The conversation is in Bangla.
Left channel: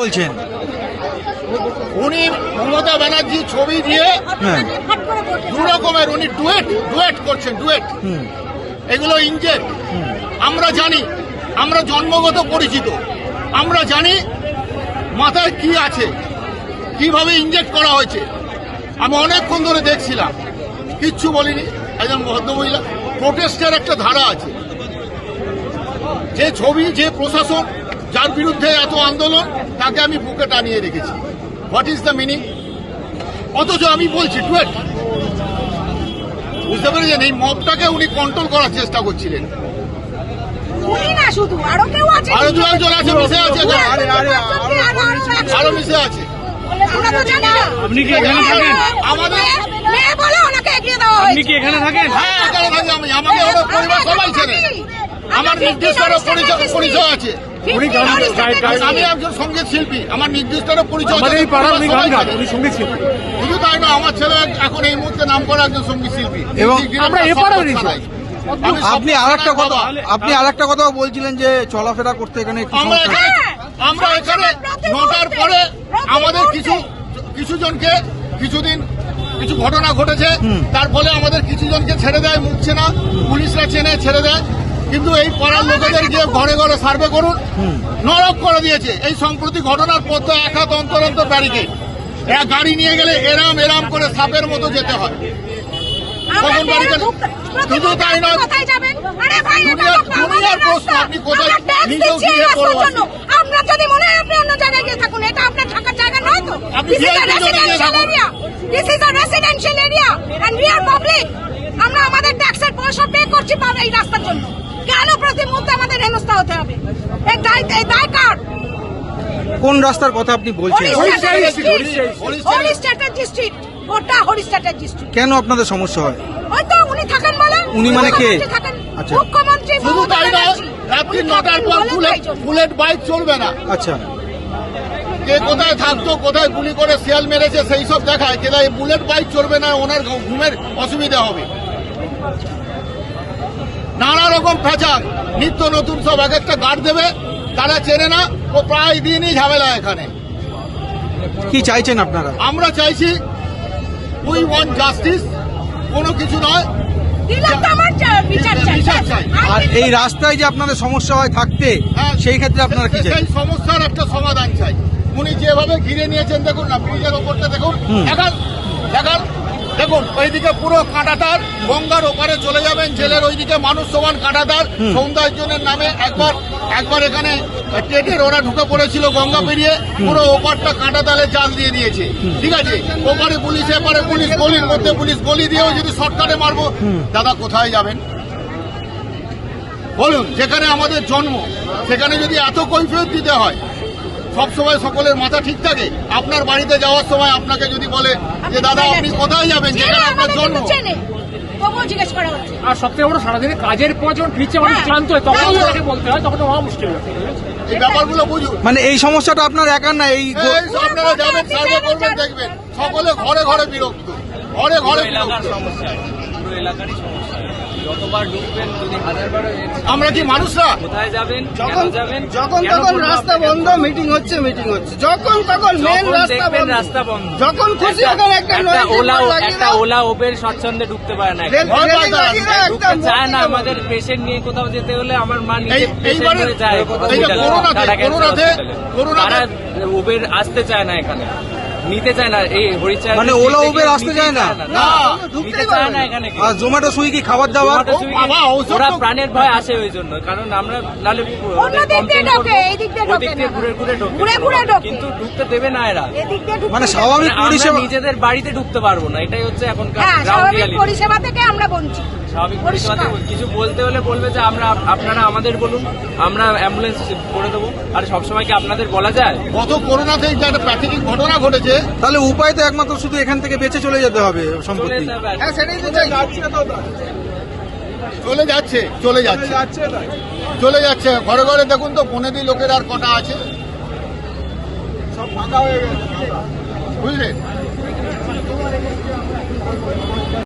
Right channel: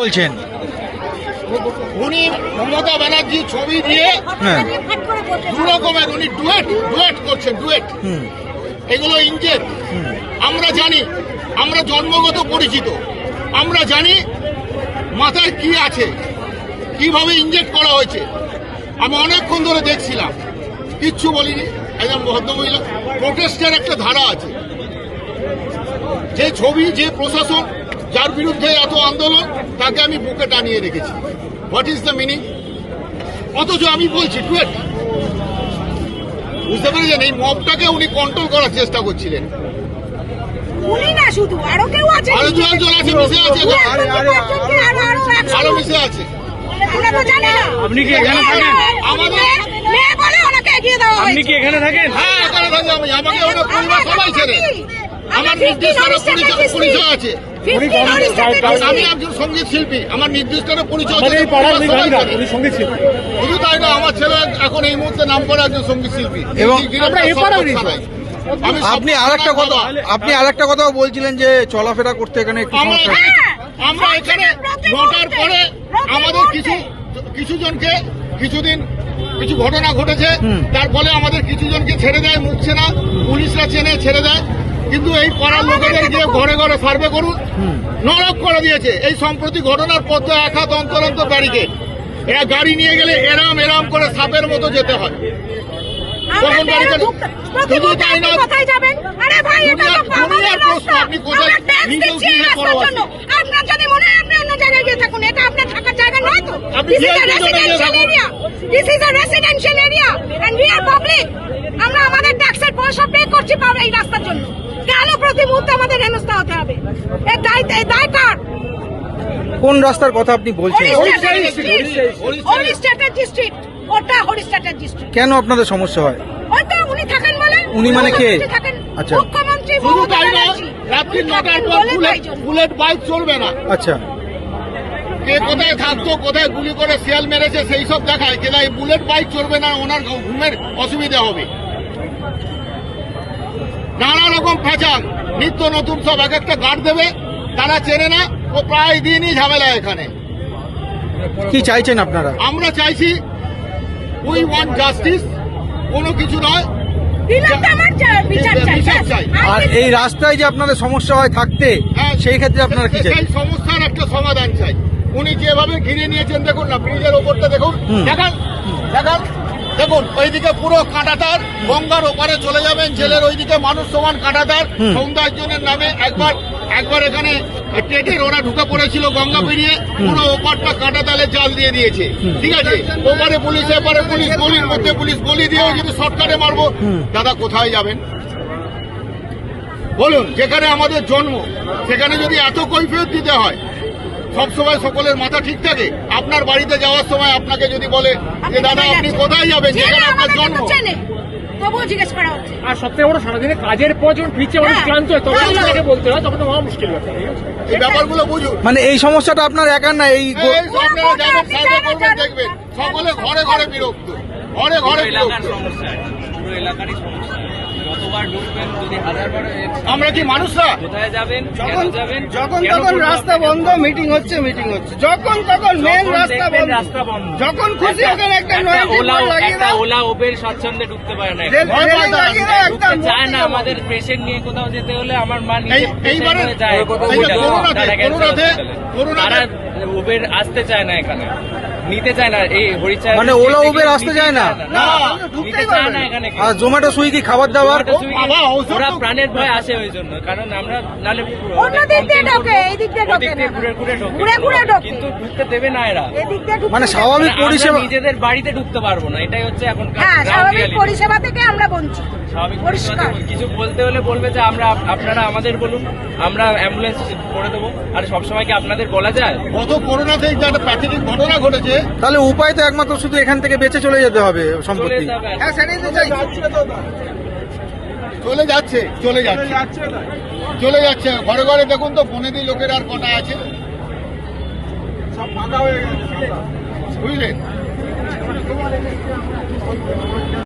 বলছেন? উনি মমতা ব্যানার্জি ছবি দিয়ে হ্যাঁ। দু রকমের উনি ডুয়েট করছেন, ডুয়েট। এগুলো ইনজেক্ট। আমরা জানি, আমরা জন্মগত পরিচিত, আমরা জানি মাথায় কি আছে, কিভাবে ইনজেক্ট করা হয়েছে। আমি অনেকক্ষণ ধরে দেখছিলাম, কিচ্ছু বলিনি। একজন ভদ্রমহিলা, প্রোটেস্টের একটা ধারা আছে, যে ছবি, যে প্রশাসন, যার বিরুদ্ধে এত আন্দোলন, তাকে আমি বুকে টানিয়ে রেখেছি। What is the meaning? অথচ আমি বলছি ডুয়েট। বুঝতে পেরেছেন? এই মবটাকে উনি কন্ট্রোল করার চেষ্টা করছিলেন। উনি না শুধু, আরো কেউ আছে, আরো দুজন আছে, মিশে আছে, আরো মিশে আছে। আমরা তো জানি না। আপনি কি এখানে থাকেন? আমাদের মেয়ে বলে ওনাকে এগিয়ে দেওয়া আপনি হয়েছে। কি এখানে থাকেন? হ্যাঁ, এখানে থাকি আমি। আমাকে আমার পরিবার সবাই ছেড়ে। আমার নির্দিষ্ট পরিচয় আছে। আমি একজন সঙ্গীত শিল্পী, আমার নির্দিষ্ট পরিচয় আছে। শুধু তাই না, আমার ছেলে এখন এই মুহূর্তে নাম করা একজন সঙ্গীত শিল্পী। এবং আমি আপনি আরেকটা কথা বলছিলেন যে চলাফেরা করতে এখানে একটু সমস্যা হচ্ছে। আমরা এখানে 9টার পরে আমাদের কিছু জনকে কিছু ঘটনা ঘটেছে, তার ফলে আমাদের কিছু জনকে ছেড়ে দেয়, মুখছে না, পুলিশরা চেনে ছেড়ে দেয়। কিন্তু এই পাড়ার লোকেদের গিয়ে ঘরে ঘরে সার্ভে করুন, নরক করে দিয়েছে। এই সম্প্রতি ঘটনার পর তো এক হাত অন্তর অন্তর ব্যারিকেড, গাড়ি নিয়ে গেলে এরাম করে সাপের মতো যেতে হয়। শুধু তাই না, দুনিয়ার প্রশ্ন, আপনি কোথায় নিজেও গিয়ে করবেন? আপনার যদি মনে হয় আপনি অন্য জায়গায় গিয়ে থাকুন, এটা আপনার থাকার জায়গা নয় তো। আপনি This is গিয়ে a residential area. This is a residential area and we are public. আমরা আমাদের ট্যাক্সের পয়সা পে করছি পাবো এই রাস্তার জন্য। কেন প্রতি মুহূর্তে আমাদের হেনস্থা হতে হবে? এই দায় কার? কোন রাস্তার কথা আপনি বলছেন? হরিস্টেটের ডিস্ট্রিক্ট, ওটা হরিস্টেটের ডিস্ট্রিক্ট। কেন আপনাদের সমস্যা হয়? হয়তো উনি থাকেন বলে। উনি মানে কে? থাকেন আচ্ছা। মুখ্যমন্ত্রী শুধু মমতা তাই না, ব্যানার্জি। রাত্রি উনি 9টার থাকেন পর বলে তাই জন্য। বুলেট বাইক চলবে না। আচ্ছা, কে কোথায় থাকতো, কোথায় গুলি করে শিয়াল মেরেছে, সেই সব দেখায়। কিন্তু এই বুলেট বাইক চলবে না, ওনার ঘুমের অসুবিধা হবে। নানা রকম ফ্যাচার, নিত্য নতুন সব এক একটা গার্ড দেবে, তারা চেনে না। ও প্রায় দিনই ঝামেলা এখানে। কি চাইছেন আপনারা? আমরা চাইছি উই ওয়ান্ট জাস্টিস, কোনো কিছু নয়। দিলাম তো আমার বিচার চাই। বিচার চাই। আর এই রাস্তায় যে আপনাদের সমস্যা হয় থাকতে, হ্যাঁ, সেই ক্ষেত্রে আপনারা কি চাই? এই সমস্যার একটা সমাধান চাই। উনি যেভাবে ঘিরে নিয়েছেন, দেখুন না, ব্রিজের ওপরটা দেখুন, দেখুন ওইদিকে পুরো কাঁটাতার, গঙ্গার ওপারে চলে যাবেন, জেলের ওইদিকে মানুষ সমান কাঁটাতার। সৌন্দর্যের নামে একবার এখানে টেটের ওরা ঢুকে পড়েছিল গঙ্গা পেরিয়ে, পুরো ওপারটা কাঁটাতালে জাল দিয়ে দিয়েছে। ঠিক আছে, ওপারে পুলিশ, এপারে পুলিশ, গলির মধ্যে পুলিশ, গলি দিয়েও যদি শর্টকাটে মারবো, দাদা কোথায় যাবেন বলুন? যেখানে আমাদের জন্ম, সেখানে যদি এত কৈফিয়ত দিতে হয়, সবসময় সকলের মাথা ঠিক থাকে? আপনার বাড়িতে যাওয়ার সময় আপনাকে যদি বলে যে দাদা আপনি কোথায় যাবেন, যেখানে আপনার জন্ম, তবুও জিজ্ঞেস করা হচ্ছে। আর সবথেকে বড়, সারাদিনে কাজের পর যখন ফিরছে অনেক ক্লান্ত হয়, তখন তাকে বলতে হয়, তখন তো হওয়া মুশকিল হয়। এই ব্যাপারগুলো বুঝুন। মানে এই সমস্যাটা আপনার একার না, এই এই আপনারা যাবেন, সার্ভে করবেন, দেখবেন সকলে ঘরে ঘরে বিরক্ত, ঘরে ঘরে বিরক্ত। আমরা কি মানুষরা? যখন তখন রাস্তা বন্ধ, মিটিং হচ্ছে, যখন তখন মেন রাস্তা বন্ধ, যখন খুশি ওখানে একটা ওলা ওবের স্বচ্ছন্দে ঢুকতে পারে না, চায় না। আমাদের পেশেন্ট নিয়ে কোথাও যেতে হলে আমার মা নিজে যায়, তারা উবের আসতে চায় না, এখানে নিতে চায় না। এই হরিচাঁদ মানে ওলা উবের আসতে চায় না, নিতে চায় না এখানে। আর জোম্যাটো সুইগি খাবার দাবার ওরা প্রাণের ভয় আসে ওই জন্য, কারণ আমরা নালে অন্য দিক দিয়ে ঢোকে, এই দিক দিয়ে ঢোকে না। ঘুরে ঢোকে, কিন্তু ঢুকতে দেবে না এরা। এদিক দিয়ে ঢুকতে মানে দেবে। স্বাভাবিক পরিষেবা। নিজেদের বাড়িতে ঢুকতে পারবো না, এটাই হচ্ছে এখন হ্যাঁ, স্বাভাবিক পরিষেবা থেকে আমরা বঞ্চিত। স্বাভাবিক পরিষেবাতে কিছু বলতে হলে বলবে যে আপনারা আমাদের বলুন, আমরা অ্যাম্বুলেন্স করে দেবো। আর সবসময় কি আপনাদের বলা যায়? গত করোনাতে একটা প্রাকৃতিক ঘটনা ঘটেছে, তাহলে উপায় তো একমাত্র শুধু এখান থেকে বেঁচে চলে যেতে হবে সম্পত্তি। হ্যাঁ সেটাই তো চাই। চলে যাচ্ছে ঘরে ঘরে। দেখুন তো বনেদি লোকের আর কটা আছে, সব ফাঁকা হয়ে গেছে, বুঝলেন?